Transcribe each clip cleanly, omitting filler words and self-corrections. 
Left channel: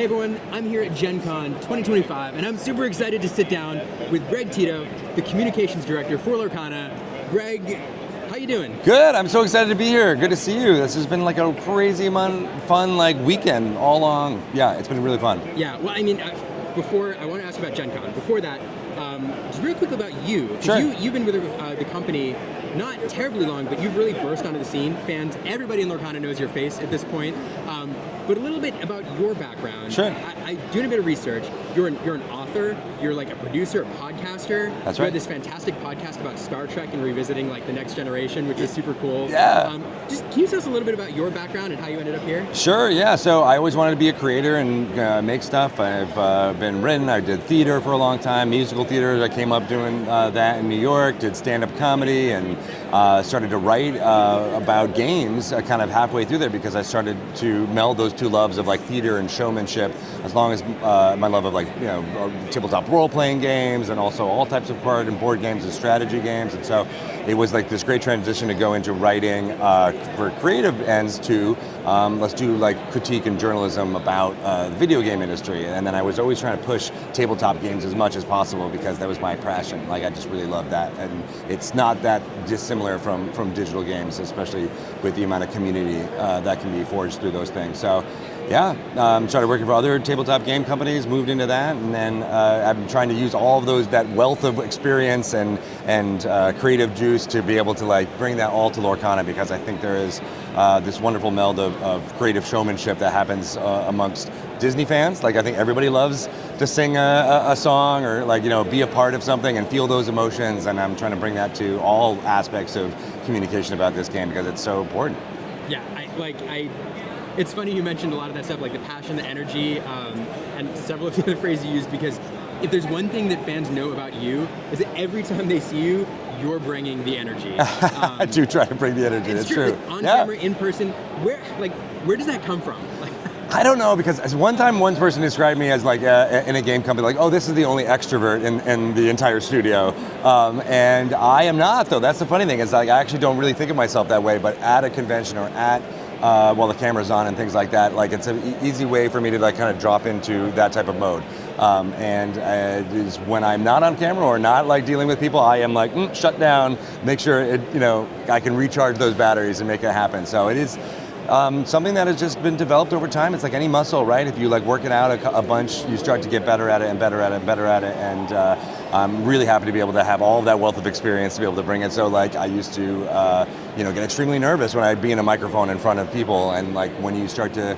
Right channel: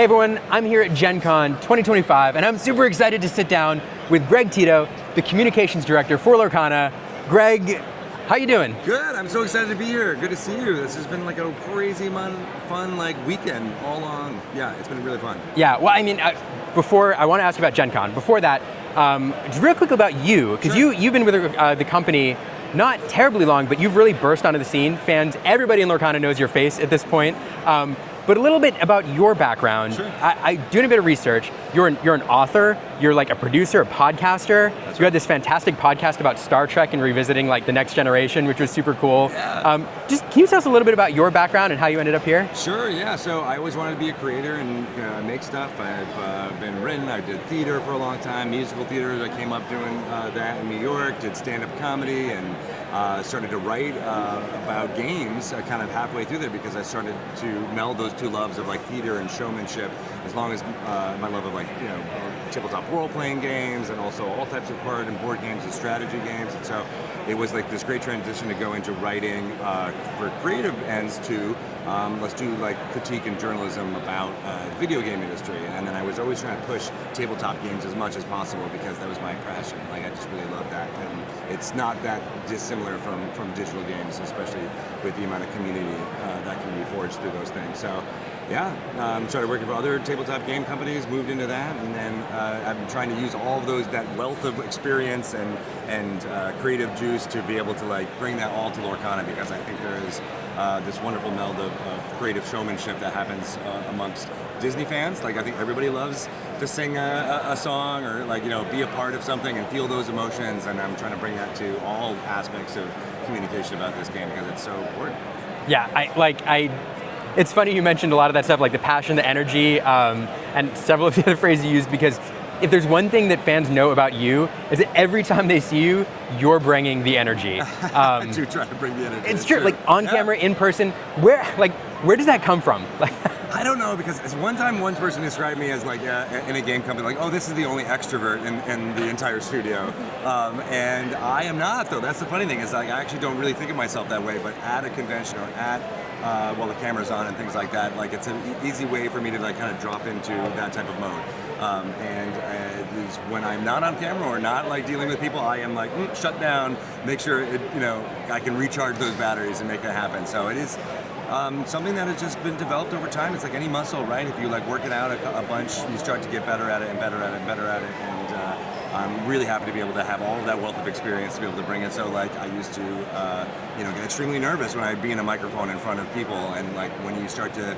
Hey everyone, I'm here at GenCon 2025, and I'm super excited to sit down with Greg Tito, the communications director for Lorcana. Greg, how you doing? Good, I'm so excited to be here. Good to see you. This has been like a crazy fun weekend all along. Yeah, it's been really fun. Yeah, well, I mean, before, I want to ask you about GenCon. Before that, just real quick about you, because you've been with the company not terribly long, but you've really burst onto the scene. Fans, everybody in Lorcana knows your face at this point. But a little bit about your background. Sure. I doing a bit of research. You're an author. You're like a producer, a podcaster. That's you right. had this fantastic podcast about Star Trek and revisiting like the next generation, which was super cool. Yeah. Just can you tell us a little bit about your background and how you ended up here? Sure. Yeah. So I always wanted to be a creator and make stuff. I've been written. I did theater for a long time, musical theater. I came up doing that in New York. Did stand-up comedy and started to write about games kind of halfway through there because I started to meld those two loves of like theater and showmanship, as long as my love of tabletop role-playing games and also all types of card and board games and strategy games. And so it was like this great transition to go into writing for creative ends to let's do like critique and journalism about the video game industry. And then I was always trying to push tabletop games as much as possible because that was my passion. Like I just really love that. And it's not that dissimilar from digital games, especially with the amount of community that can be forged through those things. So yeah, started working for other tabletop game companies, moved into that, and then I'm trying to use all of that wealth of experience and creative juice to be able to like bring that all to Lorcana, because I think there is this wonderful meld of creative showmanship that happens amongst Disney fans. Like I think everybody loves to sing a song or be a part of something and feel those emotions, and I'm trying to bring that to all aspects of communication about this game because it's so important. Yeah, it's funny you mentioned a lot of that stuff, like the passion, the energy, and several of the other phrases you used, because if there's one thing that fans know about you, is that every time they see you, you're bringing the energy. I do try to bring the energy. It's true. Like on camera, in person, where does that come from? I don't know, because one time one person described me as like in a game company, like, oh, this is the only extrovert in the entire studio, and I am not, though. That's the funny thing, is like I actually don't really think of myself that way, but at a convention or at while the camera's on and things like that, like it's an easy way for me to like kind of drop into that type of mode. When I'm not on camera or not like dealing with people, I am like shut down, make sure I can recharge those batteries and make it happen. So it is something that has just been developed over time. It's like any muscle, right? If you like work it out a bunch, you start to get better at it and better at it and better at it. And I'm really happy to be able to have all of that wealth of experience to be able to bring it. So like I used to get extremely nervous when I'd be in a microphone in front of people, and like when you start to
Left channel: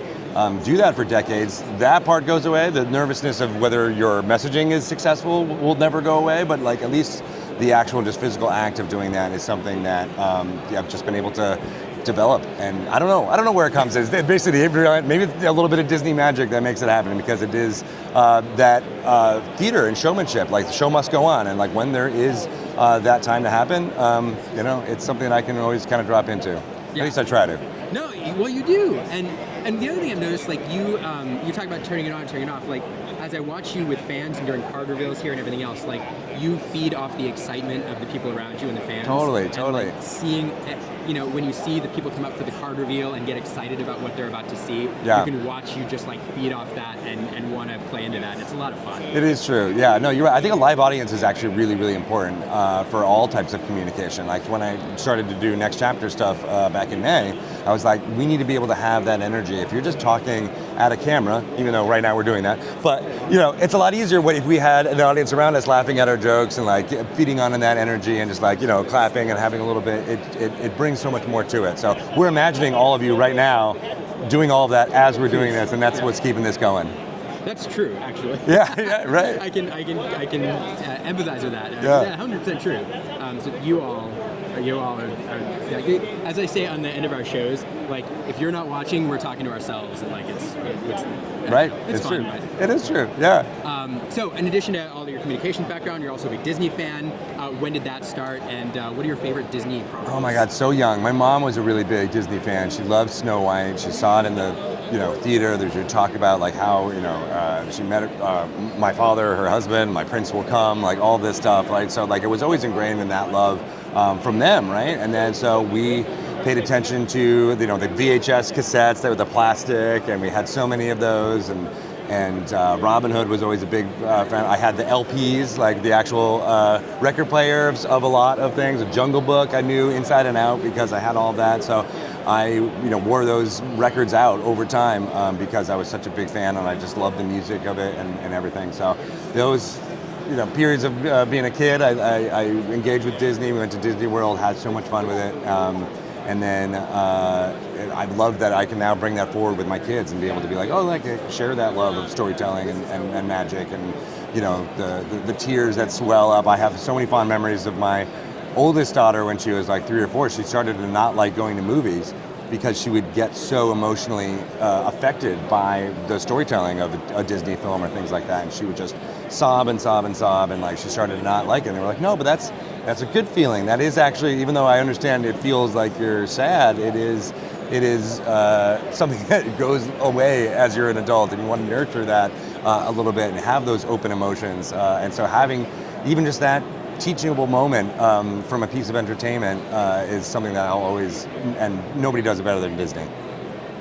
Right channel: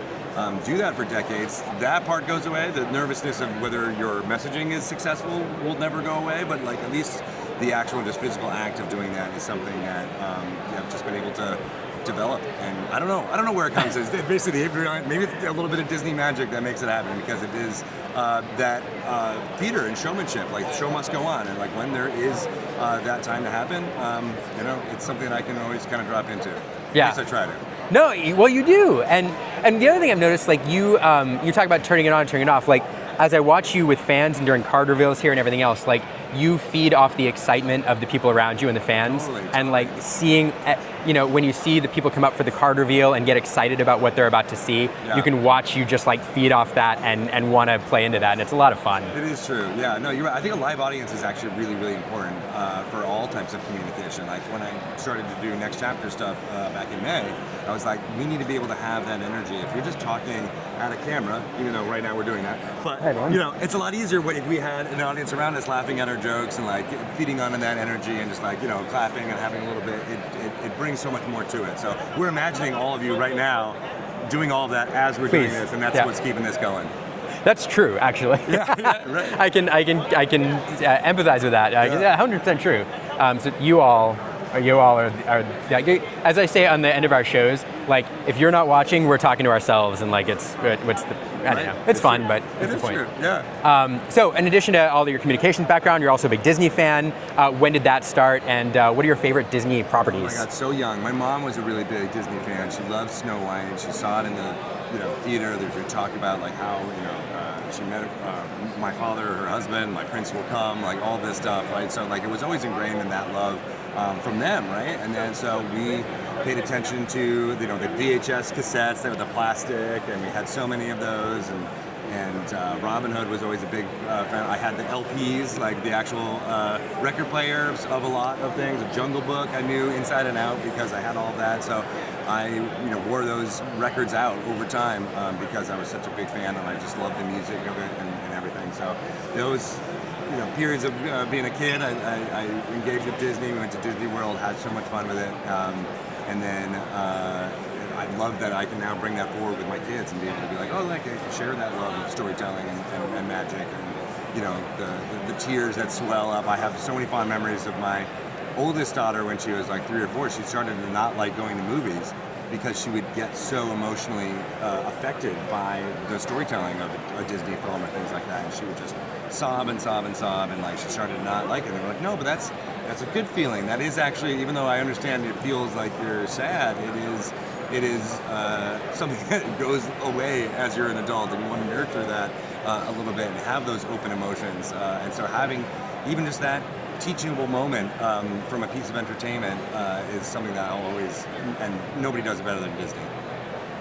do that for decades, that part goes away. The nervousness of whether your messaging is successful will never go away, but like at least the actual just physical act of doing that is something that I've just been able to develop. And I don't know where it comes. It's basically maybe a little bit of Disney magic that makes it happen, because it is that theater and showmanship. Like the show must go on, and like when there is that time to happen, it's something that I can always kind of drop into. Yeah. At least I try to. No, well you do, and the other thing I've noticed, like you talk about turning it on, turning it off. Like as I watch you with fans and during card reveals here and everything else, like you feed off the excitement of the people around you and the fans. Totally. And like seeing, when you see the people come up for the card reveal and get excited about what they're about to see, you can watch you just like feed off that and want to play into that, and it's a lot of fun. It is true. Yeah, no, you're right. I think a live audience is actually really, really important for all types of communication. Like when I started to do Next Chapter stuff back in May, I was like, we need to be able to have that energy. If you're just talking at a camera, even though right now we're doing that, but it's a lot easier if we had an audience around us laughing at our jokes and like feeding on that energy and just like clapping and having a little bit. It brings so much more to it. So we're imagining all of you right now doing all of that as we're doing this, and that's what's keeping this going. That's true, actually. Yeah, right. I can empathize with that. 100% true. So you all are as I say on the end of our shows, like if you're not watching, we're talking to ourselves, and like it's fun, true. But it is true. Yeah. So in addition to all of your communications background, you're also a big Disney fan. When did that start, and what are your favorite Disney properties? Oh my God, so young. My mom was a really big Disney fan. She loved Snow White. She saw it in the theater. There's your talk about like how she met my father, her husband, my prince will come, like all this stuff, right? So like it was always ingrained in that love from them, right? And then so we paid attention to the VHS cassettes that were the plastic, and we had so many of those, And Robin Hood was always a big fan. I had the LPs, like the actual record players of a lot of things. A Jungle Book I knew inside and out because I had all of that. So I wore those records out over time because I was such a big fan and I just loved the music of it and everything. So those periods of being a kid, I engaged with Disney. We went to Disney World, had so much fun with it. And then I love that I can now bring that forward with my kids and be able to be like, oh, like share that love of storytelling and magic and the tears that swell up. I have so many fond memories of my oldest daughter when she was like 3 or 4. She started to not like going to movies because she would get so emotionally affected by the storytelling of a Disney film or things like that, and she would just sob and sob and sob, and like she started to not like it. And they were like, no, but that's a good feeling. That is actually, even though I understand it feels like you're sad, it is something that goes away as you're an adult, and you want to nurture that a little bit and have those open emotions. And so having even just that teachable moment from a piece of entertainment is something that I'll always, and nobody does it better than Disney.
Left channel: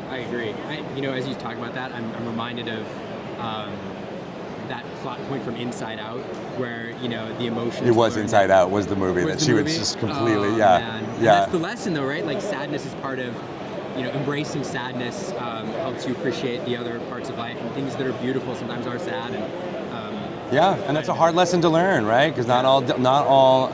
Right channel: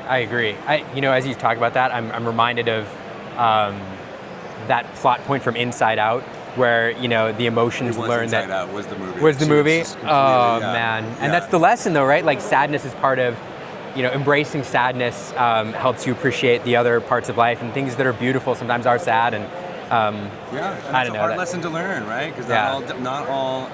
I agree. As you talk about that, I'm reminded of that plot point from Inside Out, where the emotions. It was learned Inside that, Out was the movie. Was the movie? Was completely, man! And that's the lesson, though, right? Like sadness is part of. Embracing sadness helps you appreciate the other parts of life, and things that are beautiful sometimes are sad. And and that's a hard lesson to learn, right? Because not all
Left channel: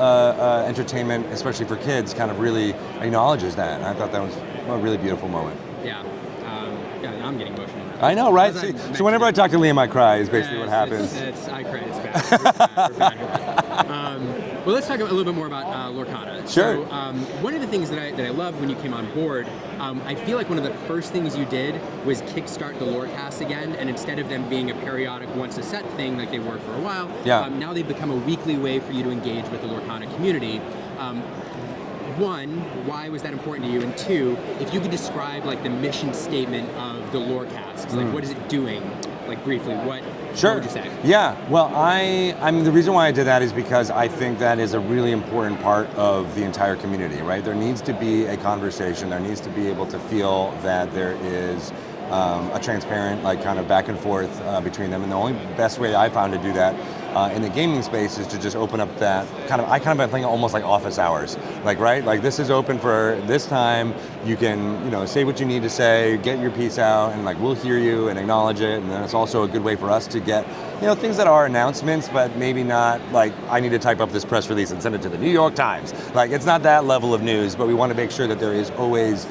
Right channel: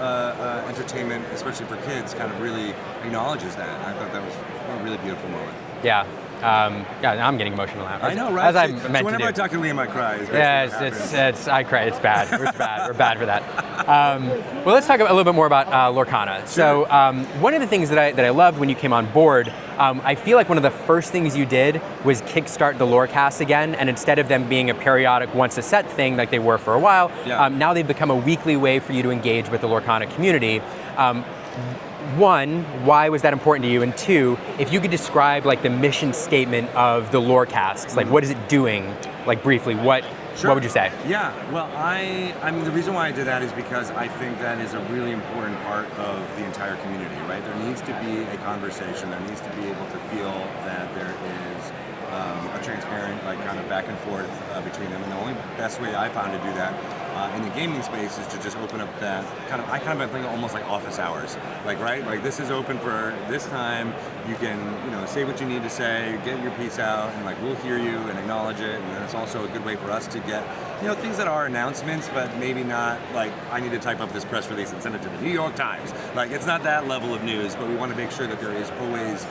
entertainment, especially for kids, kind of really acknowledges that. And I thought that was a really beautiful moment. Yeah. Now I'm getting emotional now. I know, right? So whenever I talk to Liam, I cry. Is basically what happens. I cry. It's bad. We're bad for that. Well, let's talk a little bit more about Lorcana. Sure. So one of the things that I loved when you came on board, I feel like one of the first things you did was kickstart the LoreCasts again, and instead of them being a periodic once a set thing like they were for a while, now they've become a weekly way for you to engage with the Lorcana community. One, why was that important to you? And two, if you could describe like the mission statement of the LoreCasts, like what is it doing? Like briefly, what would you say? Yeah, well, I mean, the reason why I did that is because I think that is a really important part of the entire community, right? There needs to be a conversation. There needs to be able to feel that there is a transparent, like kind of back and forth between them. And the only best way I found to do that in the gaming space is to just open up that I kind of think almost like office hours, like, right? Like this is open for this time, you can, say what you need to say, get your piece out, and like we'll hear you and acknowledge it, and then it's also a good way for us to get, things that are announcements, but maybe not like, I need to type up this press release and send it to the New York Times. Like it's not that level of news, but we want to make sure that there is always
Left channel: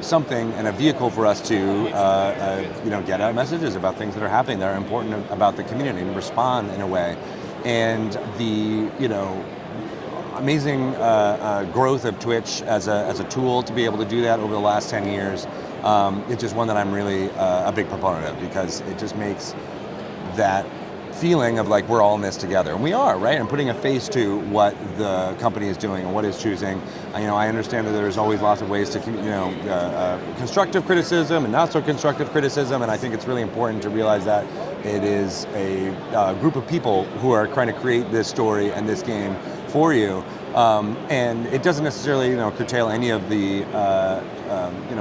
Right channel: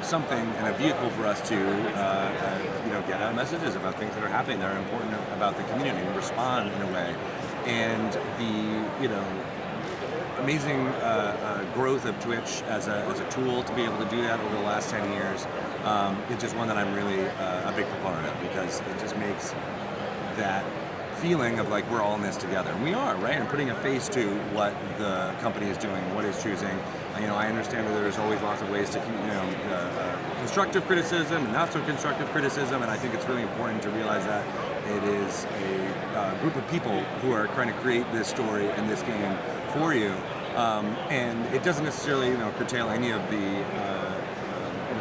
something and a vehicle for us to get out messages about things that are happening that are important about the community and respond in a way. And the amazing growth of Twitch as a tool to be able to do that over the last 10 years, it's just one that I'm really a big proponent of, because it just makes that feeling of like we're all in this together, and we are, right? And putting a face to what the company is doing and what it's choosing. I understand that there's always lots of ways to, constructive criticism and not so constructive criticism, and I think it's really important to realize that it is a group of people who are trying to create this story and this game for you, and it doesn't necessarily, curtail any of the,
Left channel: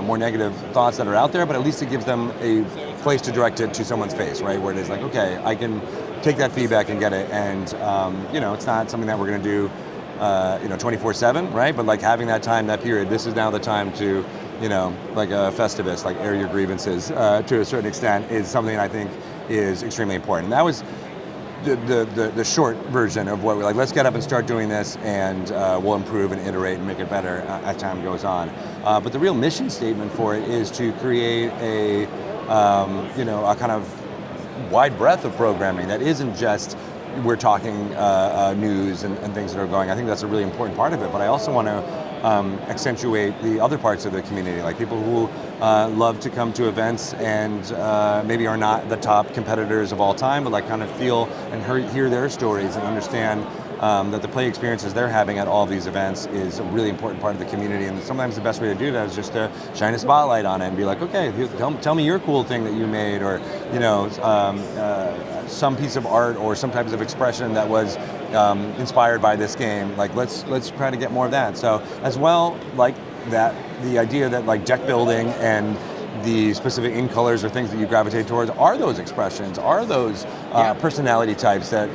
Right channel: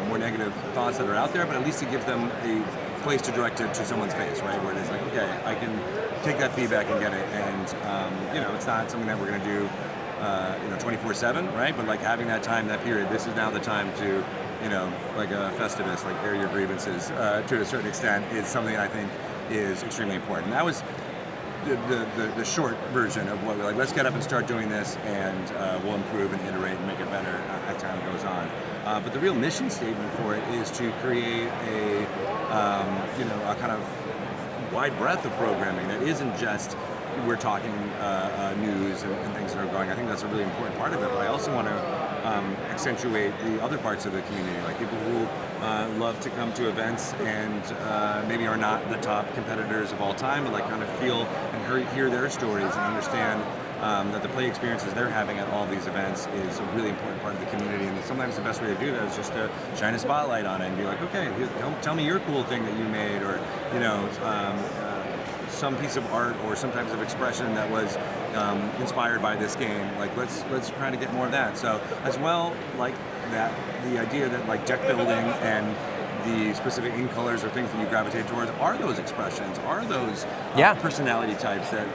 more negative thoughts that are out there, but at least it gives them a place to direct it to someone's face, right? Where it is like, okay, I can take that feedback and get it, and it's not something that we're going to do, 24/7, right? But like having that time, that period, this is now the time to, like a Festivus, like air your grievances to a certain extent, is something I think is extremely important. And that was the short version of what we're like, let's get up and start doing this, and we'll improve and iterate and make it better as time goes on. But the real mission statement for it is to create a kind of wide breadth of programming that isn't just we're talking news and things that are going. I think that's a really important part of it, but I also want to accentuate the other parts of the community, like people who love to come to events and maybe are not the top competitors of all time, but like kind of feel and hear their stories and understand that the play experiences they're having at all of these events is a really important part of the community. And sometimes the best way to do that is just to shine a spotlight on it and be like, okay, tell me your cool thing that you made, or some piece of art or some types of expression that was inspired by this game. Like let's try to get more of that. So as well, like that, the idea that like deck building and the specific in colors or things that you gravitate towards are those expressions, are those personality types that,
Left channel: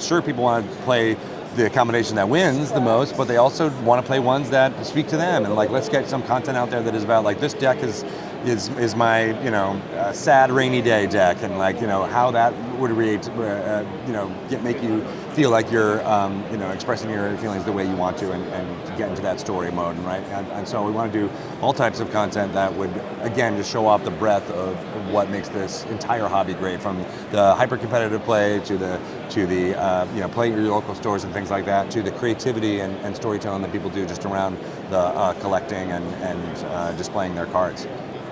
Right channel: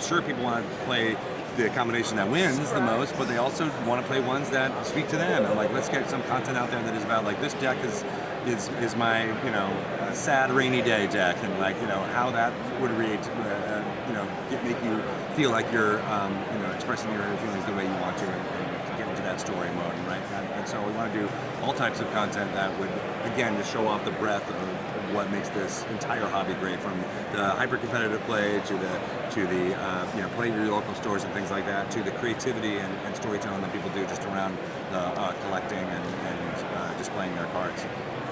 sure, people want to play the combination that wins the most, but they also want to play ones that speak to them. And like, let's get some content out there that is about like, this deck is my sad rainy day deck, and like how that would make you feel like you're expressing your feelings the way you want to, and get into that story mode, right? And so we want to do all types of content that would, again, just show off the breadth of what makes this entire hobby great, from the hyper-competitive play to the play your local stores and things like that, to the creativity and storytelling that people do just around the collecting and displaying their cards.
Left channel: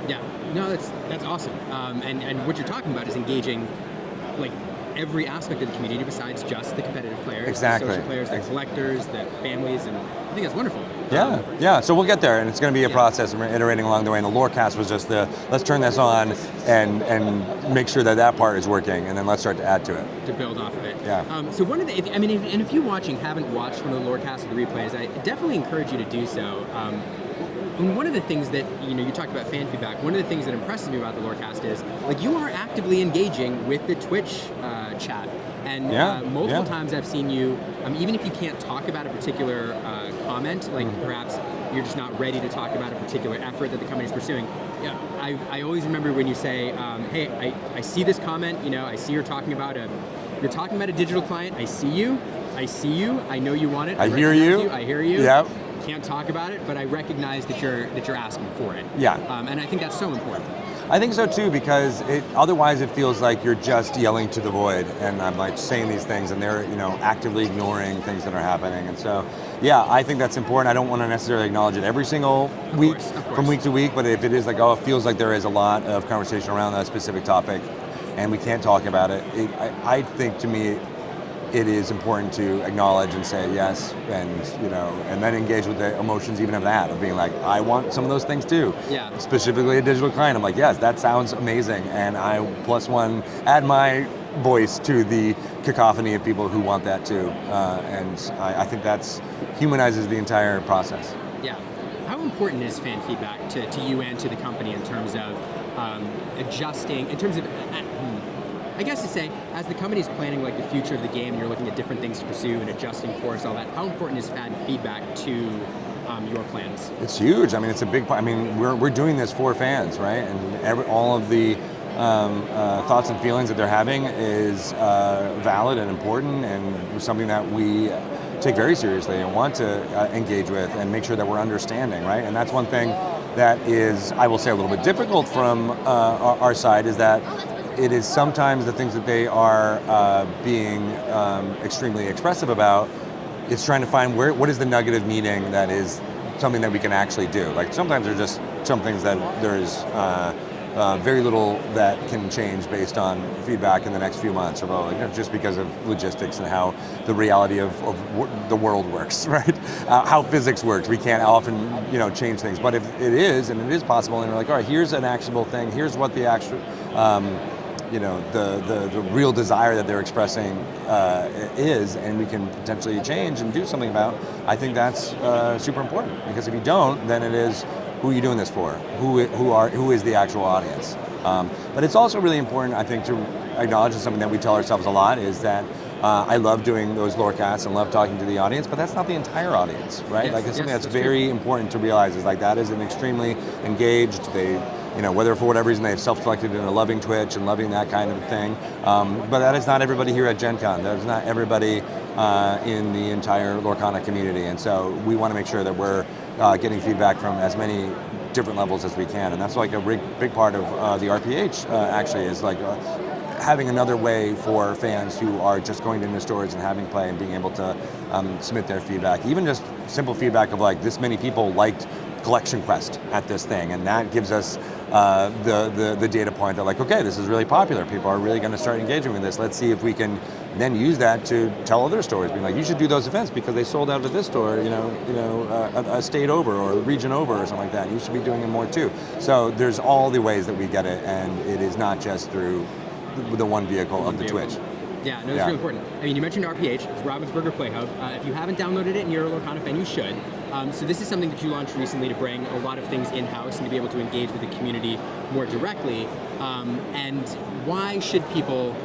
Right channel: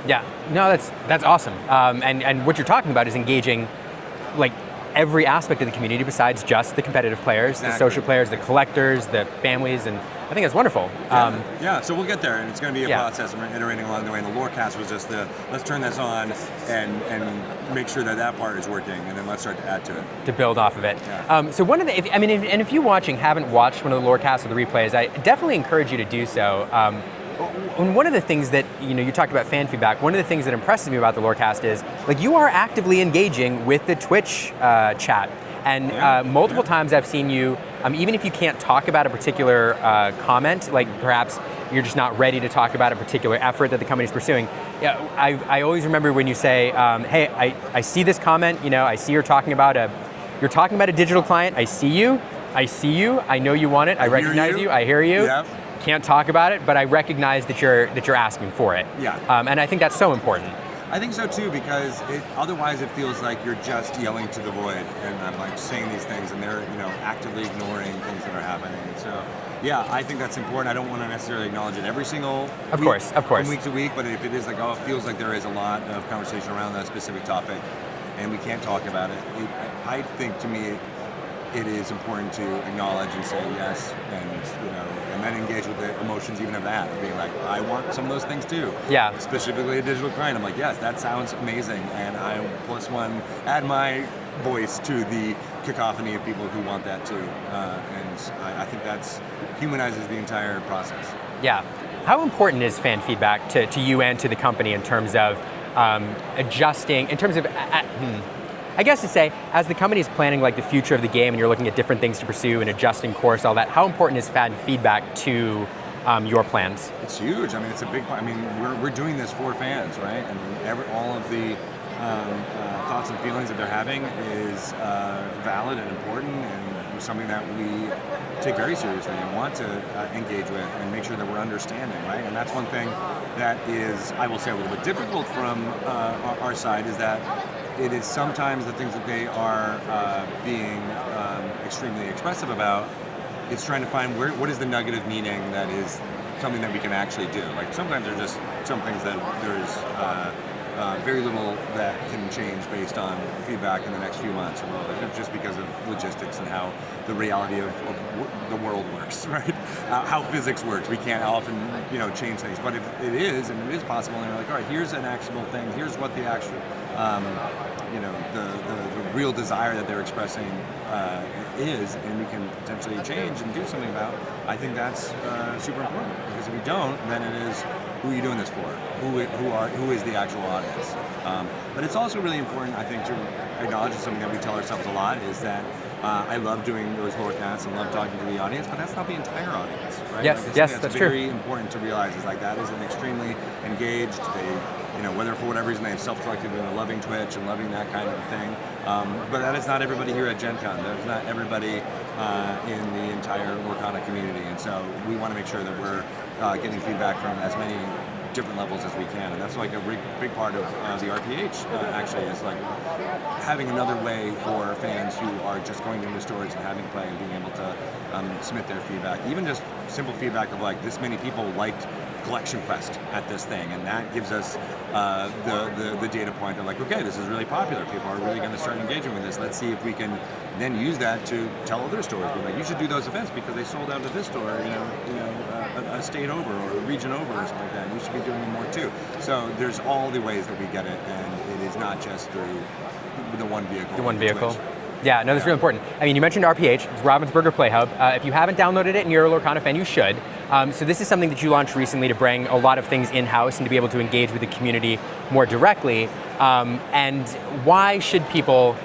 Yeah, no, that's awesome. And what you're talking about is engaging like every aspect of the community besides just the competitive players, the social players, the collectors, the families, and I think it's wonderful. Yeah, so we'll get there, and it's going to be a process, and we're iterating along the way, and the LoreCast was just let's turn this on and make sure that part is working, and then let's start to add to it. To build off of it. Yeah. So one of the, if you haven't watched one of the LoreCasts or the replays, I definitely encourage you to do so. And one of the things that, you talked about fan feedback, one of the things that impresses me about the LoreCast is, like, you are actively engaging with the Twitch chat. And multiple times I've seen you, even if you can't talk about a particular comment, like perhaps you're just not ready to talk about a particular effort that the company's pursuing. Yeah, I always remember when you say, hey, I see this comment, I see you're talking about a digital client, I see you, I know you want it, I recognize you, I hear you. Yep. Can't talk about it, but I recognize that you're asking for it. Yeah. And I think that's so important. I think so too, because otherwise it feels like you're just yelling to the void, and I'm like saying these things, and they're actively ignoring things that are happening. And so, yeah, I think that's important. I don't want to necessarily acknowledge it every single week, from week to week, but if it is like, it feels like there is a lot of conversation around that specific topic, and we can't talk about it. I think, to me, it is important to acknowledge and say yes, and then engage with the emotions even of that, of being like, I want some of those things too. Yeah. Specifically a digital client. I'm like, yes, that sounds amazing, and I +1 add my voice to the cacophony of people who want that too. And I think that's humanizes the entire process. Yeah. How important is fan feedback to you and to the company in terms of adjusting, in terms of I guess to say, as the company is planning like the future of the game and you're looking at different things to pursue and adjusting course, all that, how important is fan feedback to your plans? It's huge. It's a big part. We're doing this for fans, right? And all of the thoughts and feelings that they're having is valid and important, and something that we take very seriously and want to engage with and make sure that we're understanding, right? And that's one thing that is, I will say, a little bit difficult from our side, is that it is sometimes the things that they are being extremely expressive about, it's trying to find what is the nugget of meaning that is something that we can actually do. Like, sometimes there's just some things that there is very little that can change based on feedback in the next few months, or just because of logistics and how the reality of the world works, right? How physics works. We can't often change things, but if it is, and it is possible, and you're like, all right, here's an actionable thing, here's what the actual the real desire that they're expressing is, and we can potentially change and do something about, I think that's super important. Because if you don't, then it is, who are you doing this for? Who is the actual audience? But it's also really important, I think, to acknowledge something that we tell ourselves a lot, is that I love doing those LoreCasts and love talking to the audience, but that's not the entire audience, right? Yes, That's very important to realize, is like, that is an extremely engaged, whether for whatever reason they've self-selected and are loving Twitch and loving that kind of thing. But that is not everybody here at GenCon. That is not everybody in the entire Lorcana community. And so we want to make sure that we're getting feedback from as many different levels as we can. And that's like a big part of the RPH actually, is like having another way for fans who are just going into stores and having play and being able to submit their feedback. Even just simple feedback of like, this many people liked Collection Quest at this thing, and that gives us the data point that, like, okay, this is really popular. People are really going to start engaging with this. Let's see if we can then use that to tell other stores. Be like, you should do those events because they sold out to this store, a state over or a region over or something like that. You should be doing them more too. So there's all the ways that we get it, and it is not just through the one vehicle. Twitch. Yeah, no, that's really important. You mentioned RPH, it's Ravensburger Play Hub. If you haven't downloaded it and you're a Lorcana fan, you should. So this is something that you launched recently to bring a lot of things in-house and to be able to engage with the community more directly. And why should people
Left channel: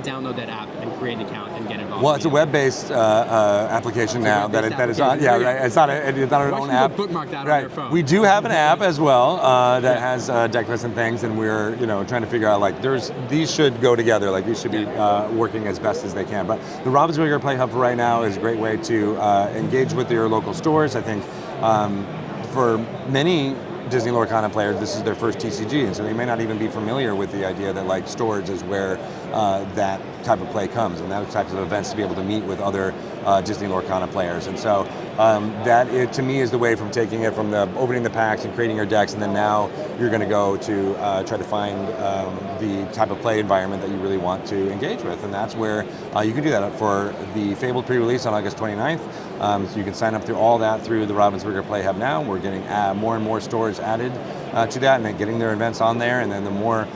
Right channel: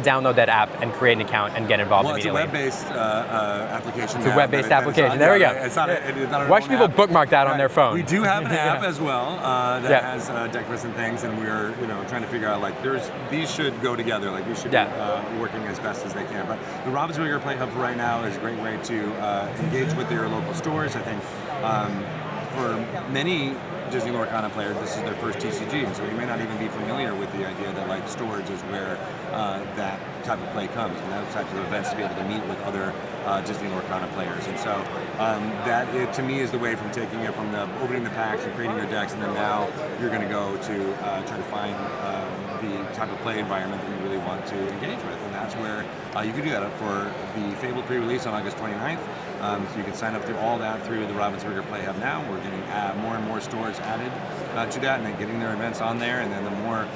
download that app and create an account and get involved? Well, it's a web-based application It's now. a web-based application. There we go. It's not an Why should people app. bookmark that on their phone? We do have an app as well that has decklists and things, and we're trying to figure out like these should go together. Like we should be working as best as they can. But the Ravensburger Play Hub for right now is a great way to engage with your local stores. I think for many Disney Lorcana players, this is their first TCG, and so we may not even be familiar with the idea that like storage is where that type of play comes, and that type of events to be able to meet with other Disney Lorcana players. And so to me is the way from taking it from the opening the packs and creating your decks, and then now you're going to go to try to find the type of play environment that you really want to engage with, and that's where you can do that for the Fabled pre-release on August 29th. So you can sign up through all that through the Ravensburger Play Hub now. We're getting more and more stores added to that, and then getting their events on there, and then the more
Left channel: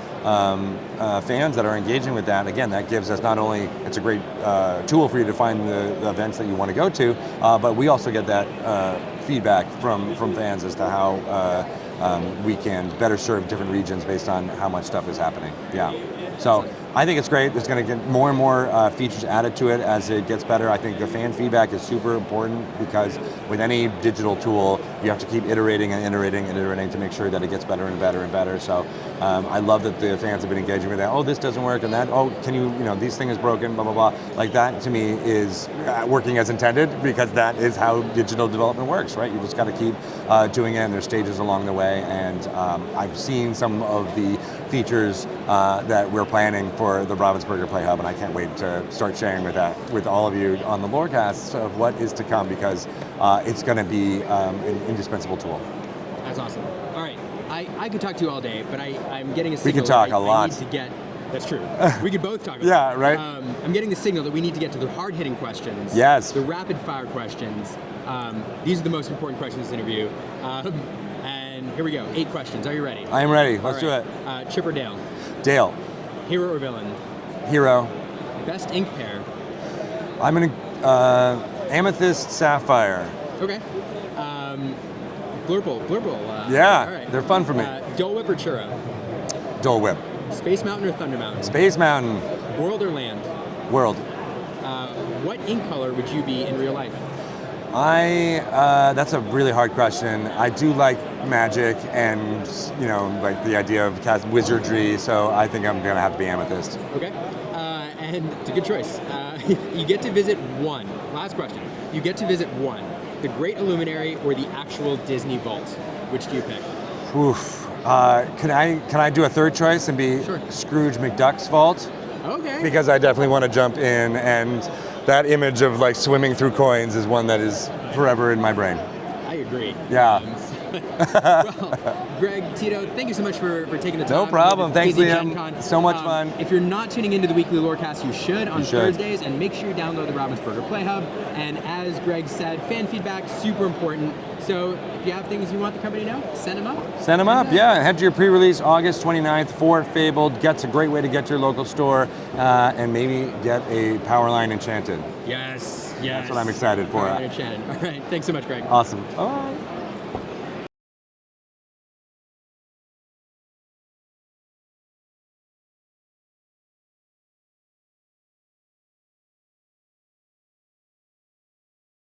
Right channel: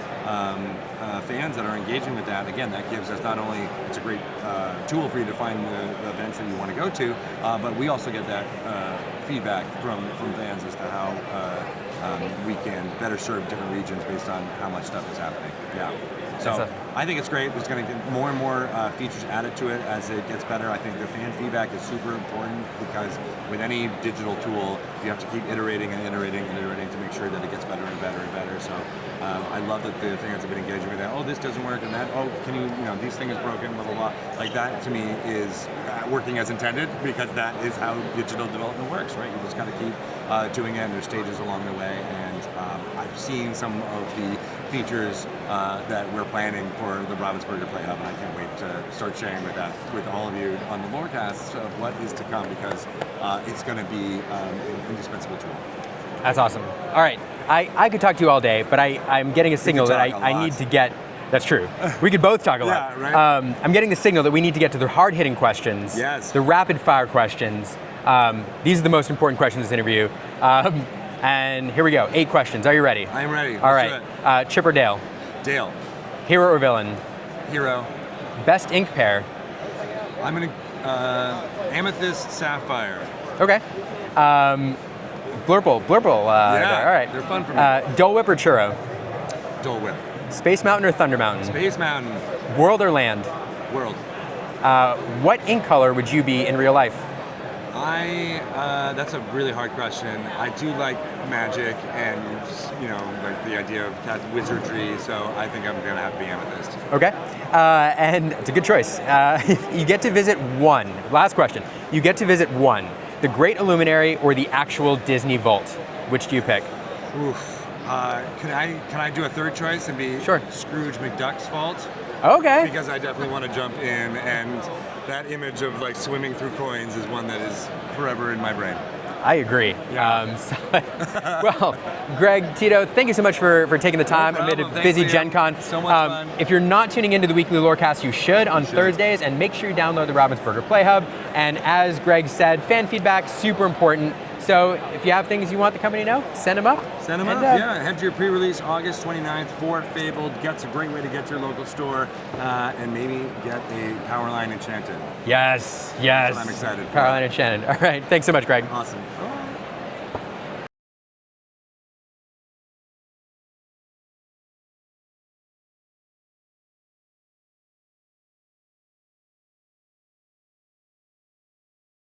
fans that are engaging with that, again, that gives us not only, it's a great tool for you to find the events that you want to go to, but we also get that feedback from fans as to how we can better serve different regions based on how much stuff is happening. Yeah. So I think it's great. It's going to get more and more features added to it as it gets better. I think the fan feedback is super important because with any digital tool, you have to keep iterating and iterating and iterating to make sure that it gets better and better and better. So I love that the fans have been engaging with that. Oh, this doesn't work, and that. Oh, can you? This thing is broken. Blah blah blah. Like that to me is working as intended because that is how digital development works, right? You just got to keep doing it, and there's stages along the way. And I've seen some of the features that we're planning for the Ravensburger Play Hub, and I can't wait to start sharing with all of you on the LoreCasts of what is to come, because it's going to be an indispensable tool. That's awesome. All right, I could talk to you all day, but I'm getting a signal that I need to get. That's true. We could both talk a lot. Yeah, right. I'm getting the signal that we need to get to the hard-hitting questions. Yes. The rapid-fire questions. These are the most important questions in this interview. And here we go. 8 questions. Are you ready? I am ready. All Let's right. do it. Chip or Dale? Dale. Hero or villain? Hero. Best ink pair? I'm an Amethyst Sapphire. Okay. Blurple. Yeah, all right. they're fun for me. Dole Whip or Churro? Dole Whip. Space Mountain or Thunder Mountain? Space Mountain. World or land? World. What ink color would you be in real life? That's a really hard question. I do like magic and, like the idea of wizardry, so I think I'm going to have to be Amethyst. Okay. And it's a good choice. You get to visit one. Last question. You get to visit one. The Great Illuminary or the actual Disney Vault? Which do you pick? Oof. Can I do a third choice and be Scrooge McDuck's vault? Okay. Because I definitely want to jump in, and that image of like swimming through coins is one that is forever in my brain. I agree. Yeah. Well, Greg Tito, thank you so much for taking the time. No problem. Thanks, busy GenCon. So much fun. If you're not tuning into the weekly LoreCast, you should on Thursdays, and make sure you download the Ravensburger Play Hub. And as Greg said, fan feedback, super important. So if you have things you want the company to know, send them up. Send them up, yeah. Head to your pre-release August 29th for Fabled. That's a great way to get to your local store and maybe get a Powerline Enchanted. Yes. That's what I'm excited for. Powerline Enchanted. All right, thanks so much, Greg. Awesome. Oh.